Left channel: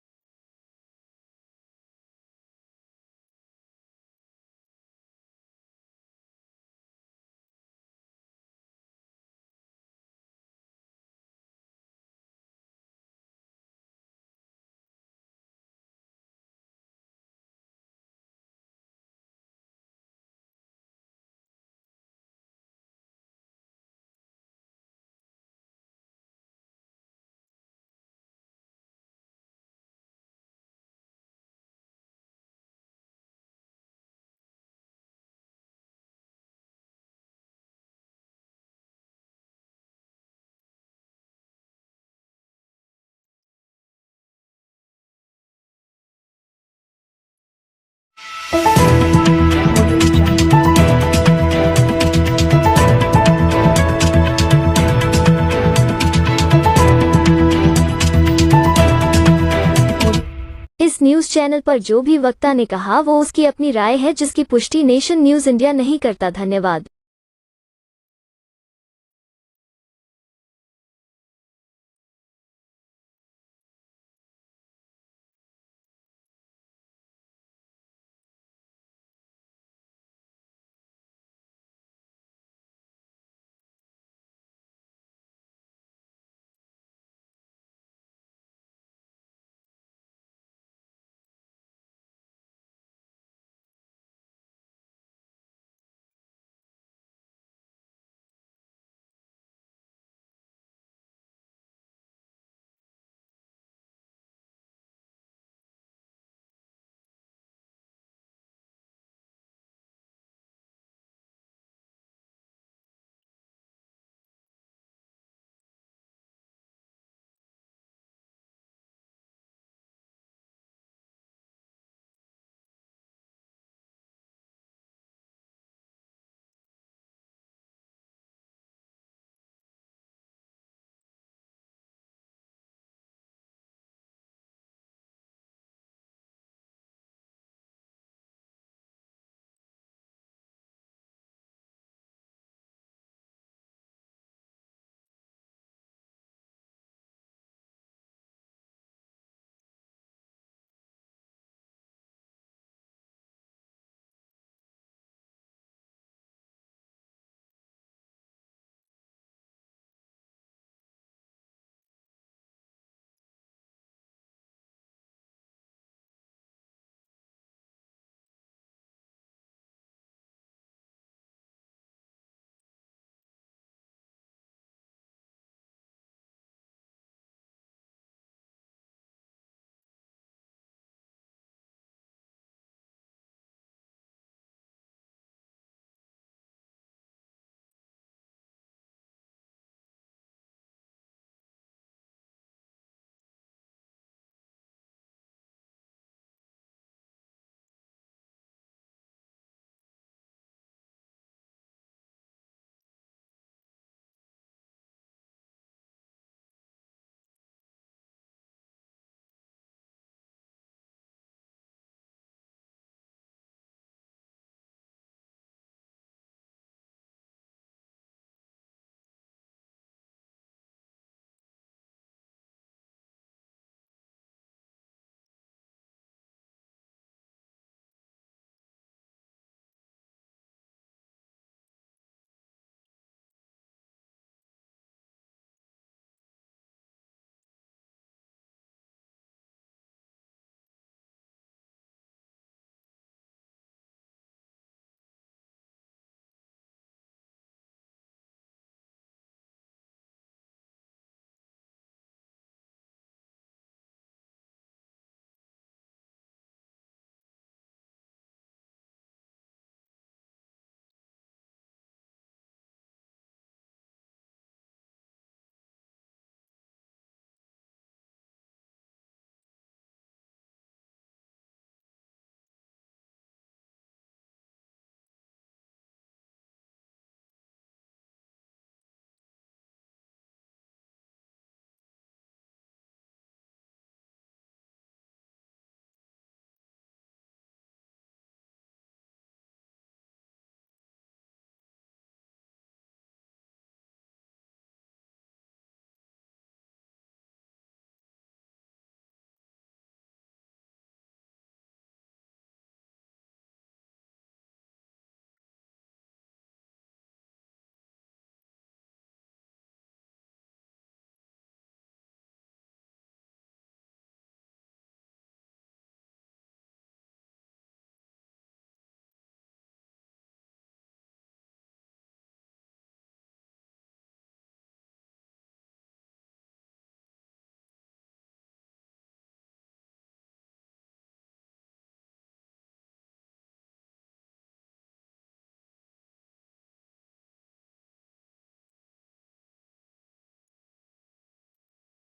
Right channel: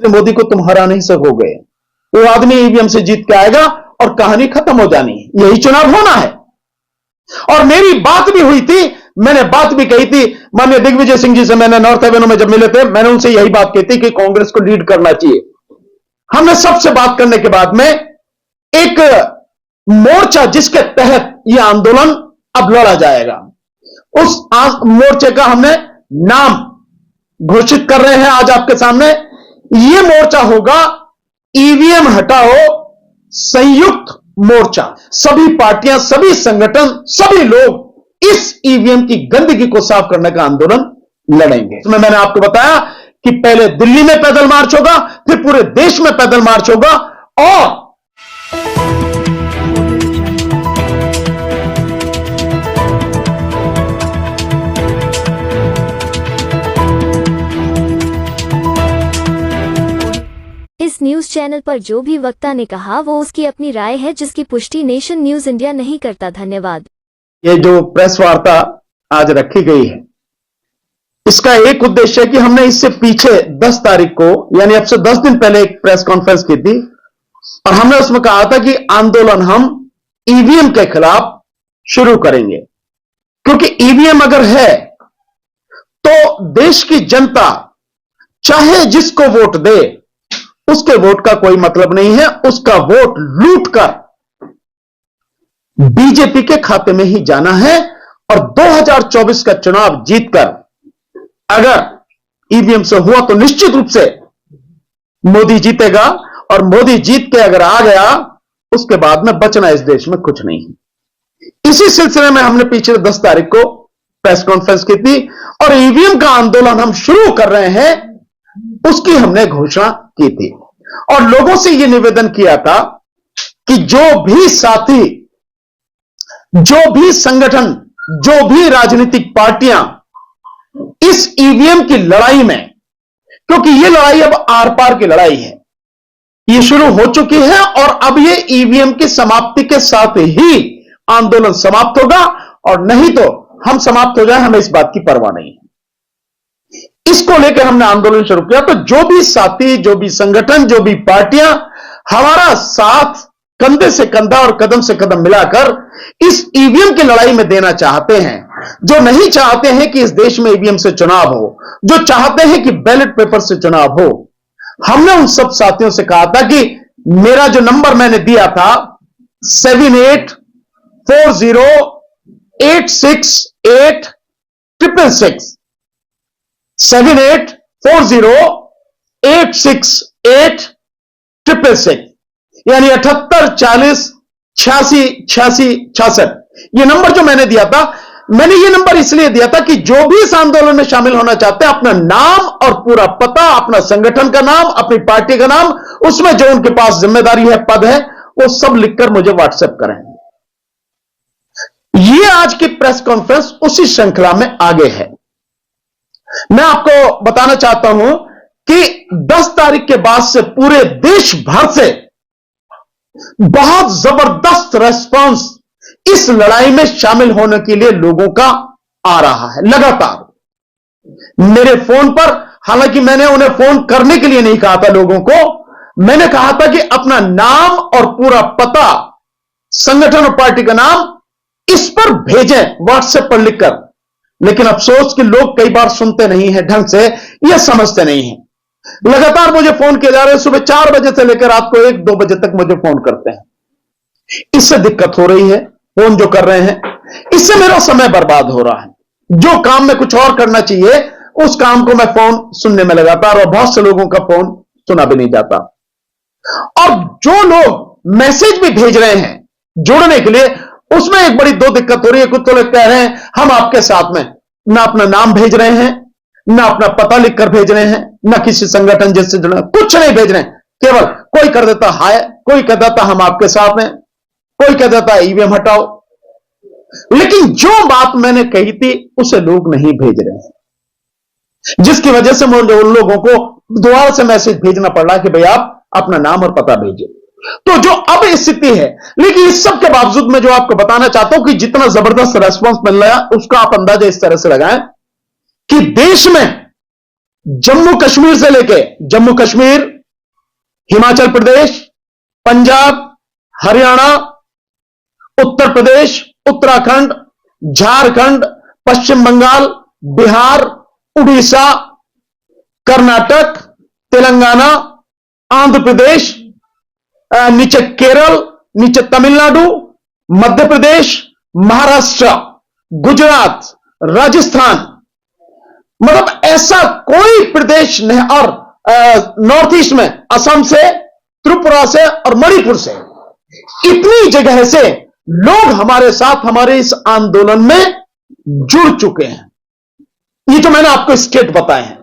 मोदी को तुम हरा नहीं सकोगे। वो आदमी ईवीएम से जीत के आएगा और कहानी खत्म हो जानी है। यही चुनाव होना है। और मेरी बात भी हुई थी, मैंने बात भी कही थी माननीय दिग्विजय सिंह जी से। मैंने नॉर्थ एवेन्यू में जब मिले थे, मैंने उनसे यही बात कही थी कि कांग्रेस को लीड करना चाहिए। हमने सबसे बात करने के बाद में एक मोर्चा जिसके तहत यह आंदोलन अब लड़ा जाएगा, उस मोर्चे का हमने नाम घोषित कर रहे हैं आज आपके सामने। यह मोर्चा होगा ईवीएम हटाओ संयुक्त मोर्चा। सभी पार्टियां, सभी संगठन, सभी लोग इस ईवीएम की गंदगी को साफ करने का आंदोलन लड़ेंगे। इसमें मैंने आपको बताया कि पहले दिल्ली में पैदल मार्च होगा, फिर पूरे देश में पैदल मार्च होगा। और इस न्यूज चैनल पर जो भी वक्ता ने कहा वो उसकी अपनी राय है, जिसकी पुष्टि नेशन न्यूज इंडिया नहीं करता। धन्यवाद। ये जो प्रेस वार्ता आज रखी गई है, इसका एक उद्देश्य है कि हमने इससे पीछे 10 तारीख को, यानी अब से 10 दिन पहले एक प्रेस कॉन्फ्रेंस की थी और हमने उसमें कहा था कि आंदोलन हम ईवीएम के खिलाफ शुरू करेंगे। क्योंकि ईवीएम अगर है तो देश की जनता चाहे जिसको वोट दे, उसके वोट का कोई मतलब नहीं है। उसका वोट लूटकर बीजेपी के खाते में ही जाना है। और 2024 का चुनाव जीतकर अगर ईवीएम से हुआ तो निश्चित रूप से मोदी जीतेगा। और मोदी जीत के अगर आ गया, उसके बाद में बचना इस देश में कुछ नहीं है। इसी सिलसिले में हमने पिछले 10 तारीख को प्रेस कॉन्फ्रेंस की थी और ईवीएम का आंदोलन हम शुरू कर रहे हैं, उसकी हमने घोषणा की थी। और लोगों से यह निवेदन किया था कि जो भी साथी, जो भी संगठन, जो भी राजनीतिक पार्टियां इस ईवीएम की लड़ाई में, क्योंकि यह लड़ाई अब आर पार की लड़ाई है, यह शुरू हो चुकी है और अब यह ईवीएम की समाप्ति के साथ ही आंदोलन समाप्त होगा। और नहीं तो हम समाप्त हो जाए, हमें इस बात की परवाह नहीं है। इसको लेकर हमने आंदोलन शुरू किया। तो जो भी साथी, जो भी संगठन, जो भी पार्टियां हमारा साथ कंधे से कंधा और कदम से कदम मिलाकर इस ईवीएम की लड़ाई में देना चाहते हैं, जो नहीं चाहते हैं कि इस देश में ईवीएम से चुनाव हो, जो चाहते हैं कि बैलेट पेपर से चुनाव हो, हमने उन सब साथियों से कहा था कि मेरा जो नंबर मैंने दिया था 7840868666 7840868666 यानी 7840868666। ये नंबर जो मैंने दिया था, मैंने ये नंबर इसलिए दिया था कि जो भी इस आंदोलन में शामिल होना चाहते हैं, अपना नाम और पूरा पता, अपना संगठन का नाम, अपनी पार्टी का नाम, उसमें जो उनके पास जिम्मेदारी है, पद है, वो सब लिखकर मुझे व्हाट्सएप करें। ये आज की प्रेस कॉन्फ्रेंस उसी श्रृंखला में आगे है। मैं आपको बताना चाहता हूं कि 10 तारीख के बाद से पूरे देश भर से बहुत जबरदस्त रेस्पॉन्स इस लड़ाई में शामिल होने के लिए लोगों का आ रहा है लगातार। मेरे फोन पर, हालांकि मैंने उन्हें फोन करने के लिए नहीं कहा था लोगों को, मैंने कहा था कि अपना नाम और पूरा पता, संगठन और पार्टी का नाम इस पर भेजें व्हाट्सएप पर लिखकर। लेकिन अफसोस कि लोग कई बार सुनते नहीं हैं ढंग से, यह समझते नहीं हैं। लगातार मुझे फोन किए जा रहे हैं, सुबह 4 बजे से लेकर रात को 1-2 बजे तक मुझे फोन करते हैं। इससे दिक्कत हो रही है, फोन जो कर रहे हैं, इससे मेरा समय बर्बाद हो रहा है। जो काम में कुछ और करना चाहिए, उस काम को मैं फोन सुनने में लगातार, और बहुत से लोगों का फोन सुना भी नहीं जाता। और जो लोग मैसेज भी भेज रहे हैं जुड़ने के लिए, उसमें एक बड़ी दो दिक्कत हो रही है। कुछ तो लोग कह रहे हैं हम आपके साथ में, ना अपना नाम भेज रहे हैं, ना अपना पता लिखकर भेज रहे हैं, ना किसी संगठन जिससे जुड़े, कुछ नहीं भेज रहे हैं। केवल कोई कर देता हाय, कोई कह देता हम आपके साथ हैं, कोई कह देता ईवीएम हटाओ। लेकिन जो बात मैंने कही थी उसे लोग नहीं भेज रहे हैं, जिसकी वजह से मुझे उन लोगों को दोबारा से मैसेज भेजना पड़ रहा है कि भाई आप अपना नाम और पता भेजिए। तो जो अब स्थिति है, लेकिन इस सब के बावजूद मैं जो आपको बताना चाहता हूं कि जितना जबरदस्त रेस्पॉन्स मिल रहा है, उसका आप अंदाजा इस तरह से लगाएं कि देश में जम्मू कश्मीर से लेके जम्मू कश्मीर, हिमाचल प्रदेश, पंजाब, हरियाणा, उत्तर प्रदेश, उत्तराखंड, झारखंड, पश्चिम बंगाल, बिहार, उड़ीसा, कर्नाटक, तेलंगाना, आंध्र प्रदेश, नीचे केरल, नीचे तमिलनाडु, मध्य प्रदेश, महाराष्ट्र, गुजरात, राजस्थान, मतलब ऐसा कोई प्रदेश नहीं। और नॉर्थ ईस्ट में असम से, त्रिपुरा से और मणिपुर से, इतनी जगह से लोग हमारे साथ हमारे इस आंदोलन में जुड़ चुके हैं। ये जो मैंने आपको स्टेट बताए हैं,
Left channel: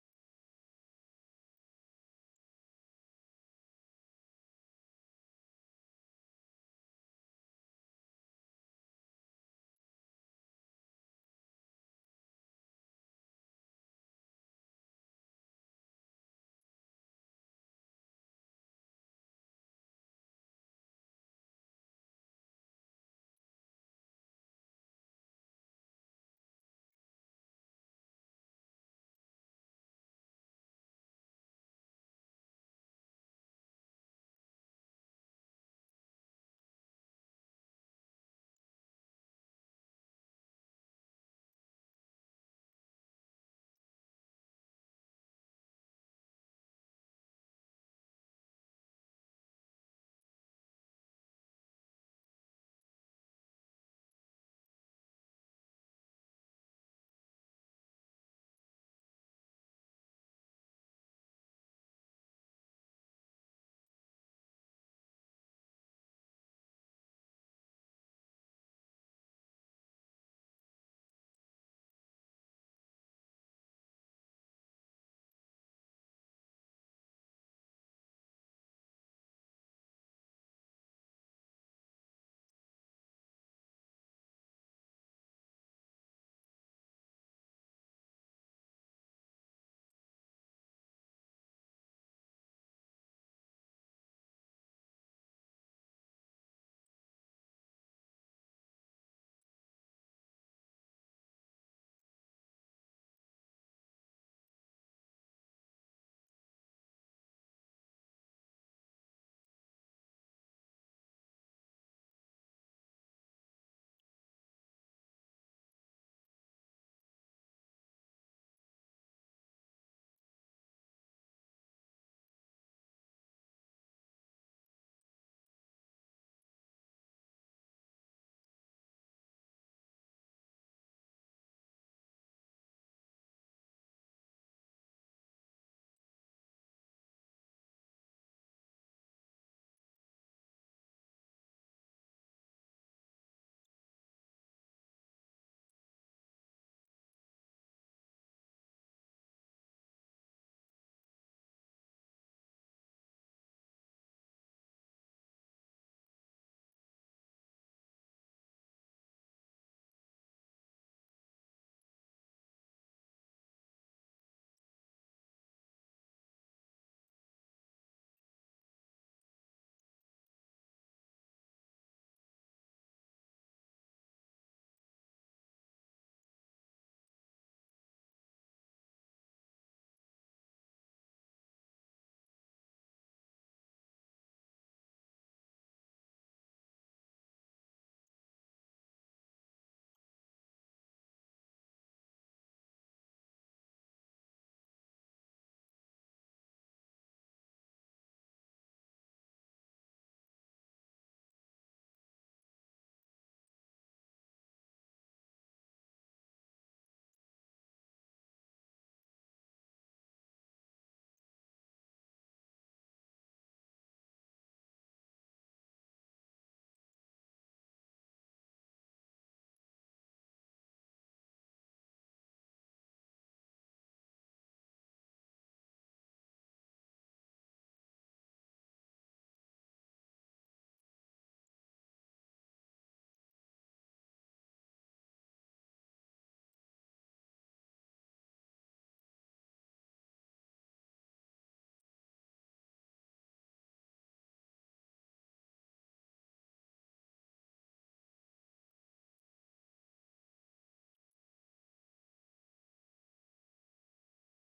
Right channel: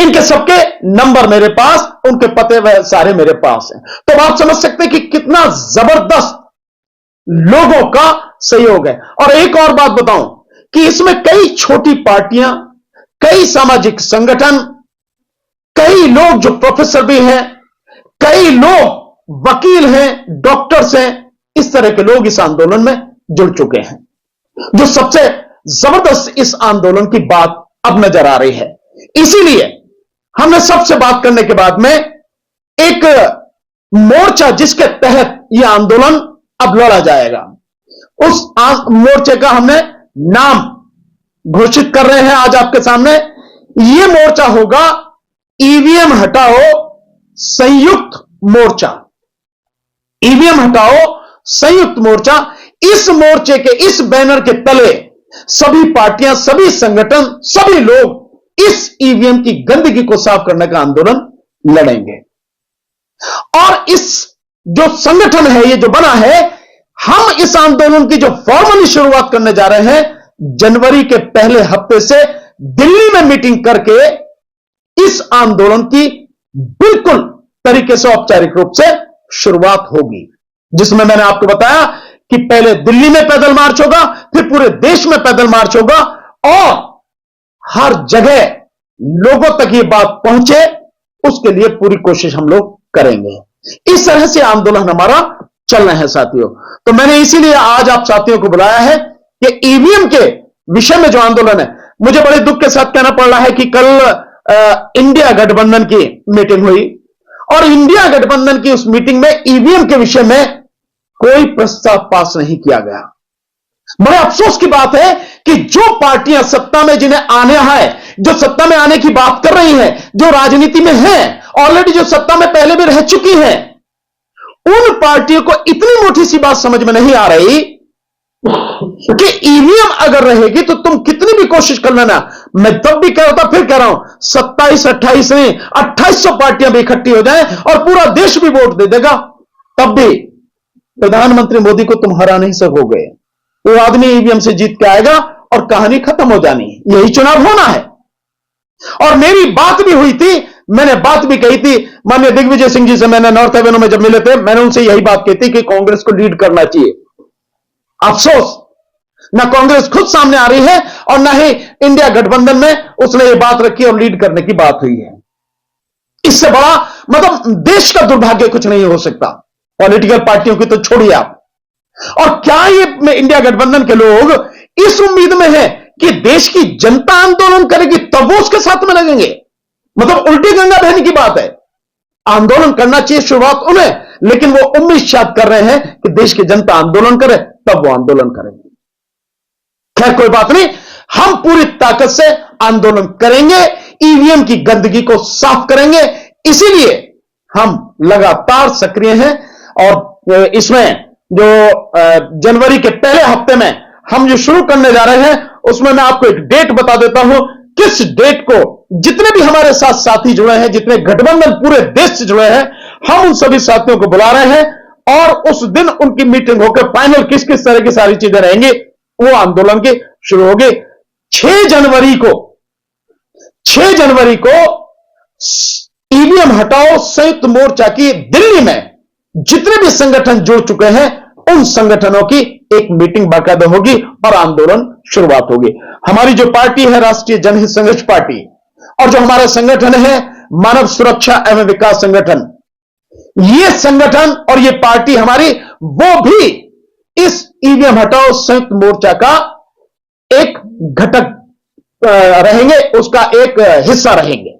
इनके सबके नंबर मेरे पास, उनके पते वह सारे मेरे पास हैं। तो आप समझ सकते हैं कि कितना जबरदस्त लोगों का सहयोग है। और एक और बात बताऊं कि इसमें कई छोटी पार्टियां, कई सामाजिक संगठन, कई लोग जो प्रोफेसर भी हैं, कई लोग वकील हैं, डॉक्टर्स हैं, इस तरह के लोग इस आंदोलन में जुड़ चुके हैं। जो सबसे जबरदस्त इस आंदोलन की बात अब नजर आ रही है, इसीलिए हमने सबसे बात करने के बाद में एक मोर्चा जिसके तहत यह आंदोलन अब लड़ा जाएगा, उस मोर्चे का हमने नाम घोषित कर रहे हैं आज आपके सामने। यह मोर्चा होगा ईवीएम हटाओ संयुक्त मोर्चा। ईवीएम हटाओ संयुक्त मोर्चा। इस मोर्चे के, इस बैनर के तले सभी पार्टियां, सभी संगठन, सभी लोग इस ईवीएम की गंदगी को साफ करने का आंदोलन लड़ेंगे। और इस जो संगठन है, ये जो बना है, हम इस आंदोलन की जो फॉर्मली शुरुआत करने जा रहे हैं, जनवरी के पहले हफ्ते से दिल्ली में मीटिंग करके इस आंदोलन की बिल्कुल तरीके से औपचारिक रूप से शुरुआत होगी, जिसमें मैंने आपको बताया कि पहले दिल्ली में पैदल मार्च होगा, फिर पूरे देश में पैदल मार्च होगा, और हर जगह लोगों तक ये बात पहुंचे, उसके लिए पूरी कोशिश हम लोग करेंगे। इस तरह से आंदोलन हमारा चल रहा है साथियों। तो मैंने इसीलिए आज आप साथियों को बुलाया है कि ईवीएम के विषय में जो आंदोलन है, मुझे बड़े दुख के साथ कहना पड़ रहा है कि कल इंडिया गठबंधन की मीटिंग हुई, और इंडिया गठबंधन की उस मीटिंग में ईवीएम के विषय में कोई प्रस्ताव पास नहीं किया गया। बड़े अफसोस की बात है कि जो पार्टियां सत्ता में जिन्हें आने है, जो सत्ता में आने की बात कर रही हैं, जो राजनीति में हैं, ऑलरेडी जो सत्ता में पहले भी रह चुकी हैं, उन पार्टियों को इतनी मोटी सी बात समझ में नहीं आ रही कि ईवीएम अगर रहेगी तो तुम कितनी भी कोशिश कर लेना। मैं तब भी कह रहा था, फिर कह रहा हूं, 27, 28 नहीं, 2800 पार्टियां भी इकट्ठी हो जाएं और पूरा देश भी वोट दे देगा, तब भी प्रधानमंत्री मोदी को तुम हरा नहीं सकोगे। वो आदमी ईवीएम से जीत के आएगा और कहानी खत्म हो जानी है। यही चुनाव होना है। और मेरी बात भी हुई थी, मैंने बात भी कही थी माननीय दिग्विजय सिंह जी से, मैंने नॉर्थ एवेन्यू में जब मिले थे, मैंने उनसे यही बात कही थी कि कांग्रेस को लीड करना चाहिए। अफसोस, ना कांग्रेस खुद सामने आ रही है और ना ही इंडिया गठबंधन में उसने ये बात रखी और लीड करने की बात हुई है। इससे बड़ा मतलब देश का दुर्भाग्य कुछ नहीं हो सकता, पॉलिटिकल पार्टियों की तो छोड़िए आप। और क्या ये इंडिया गठबंधन के लोग इस उम्मीद में है कि देश की जनता आंदोलन करेगी तब वो उसके साथ में लगेंगे? मतलब उल्टी गंगा बहने की बात है। आंदोलन करना चाहिए शुरुआत उन्हें, लेकिन वो उम्मीद शायद कर रहे हैं कि देश की जनता आंदोलन करे तब वो आंदोलन करेंगे। खैर कोई बात नहीं, हम पूरी ताकत से आंदोलन करेंगे, ईवीएम की गंदगी को साफ करेंगे। इसीलिए हम लगातार सक्रिय हैं और इसमें जो जनवरी के पहले हफ्ते में हम जो शुरू करने जा रहे हैं, उसमें मैं आपको एक डेट बता देता हूं। किस डेट को जितने भी हमारे साथ साथी जुड़े हैं, जितने गठबंधन पूरे देश से जुड़े हैं, हम उन सभी साथियों को बुला रहे हैं और उस दिन उनकी मीटिंग होकर फाइनल किस किस तरह की सारी चीजें रहेंगी, वो आंदोलन की शुरू होगी। 6 जनवरी को ईवीएम हटाओ संयुक्त मोर्चा की दिल्ली में जितने भी संगठन जुड़ चुके हैं, उन संगठनों की एक मीटिंग बाकायदा होगी और आंदोलन शुरुआत होगी। हमारी जो पार्टी है राष्ट्रीय जनहित संघर्ष पार्टी, और जो हमारा संगठन है मानव सुरक्षा एवं विकास संगठन, ये संगठन और ये पार्टी हमारी, वो भी इस ईवीएम हटाओ संयुक्त मोर्चा का एक घटक रहेंगे, उसका एक हिस्सा रहेंगे।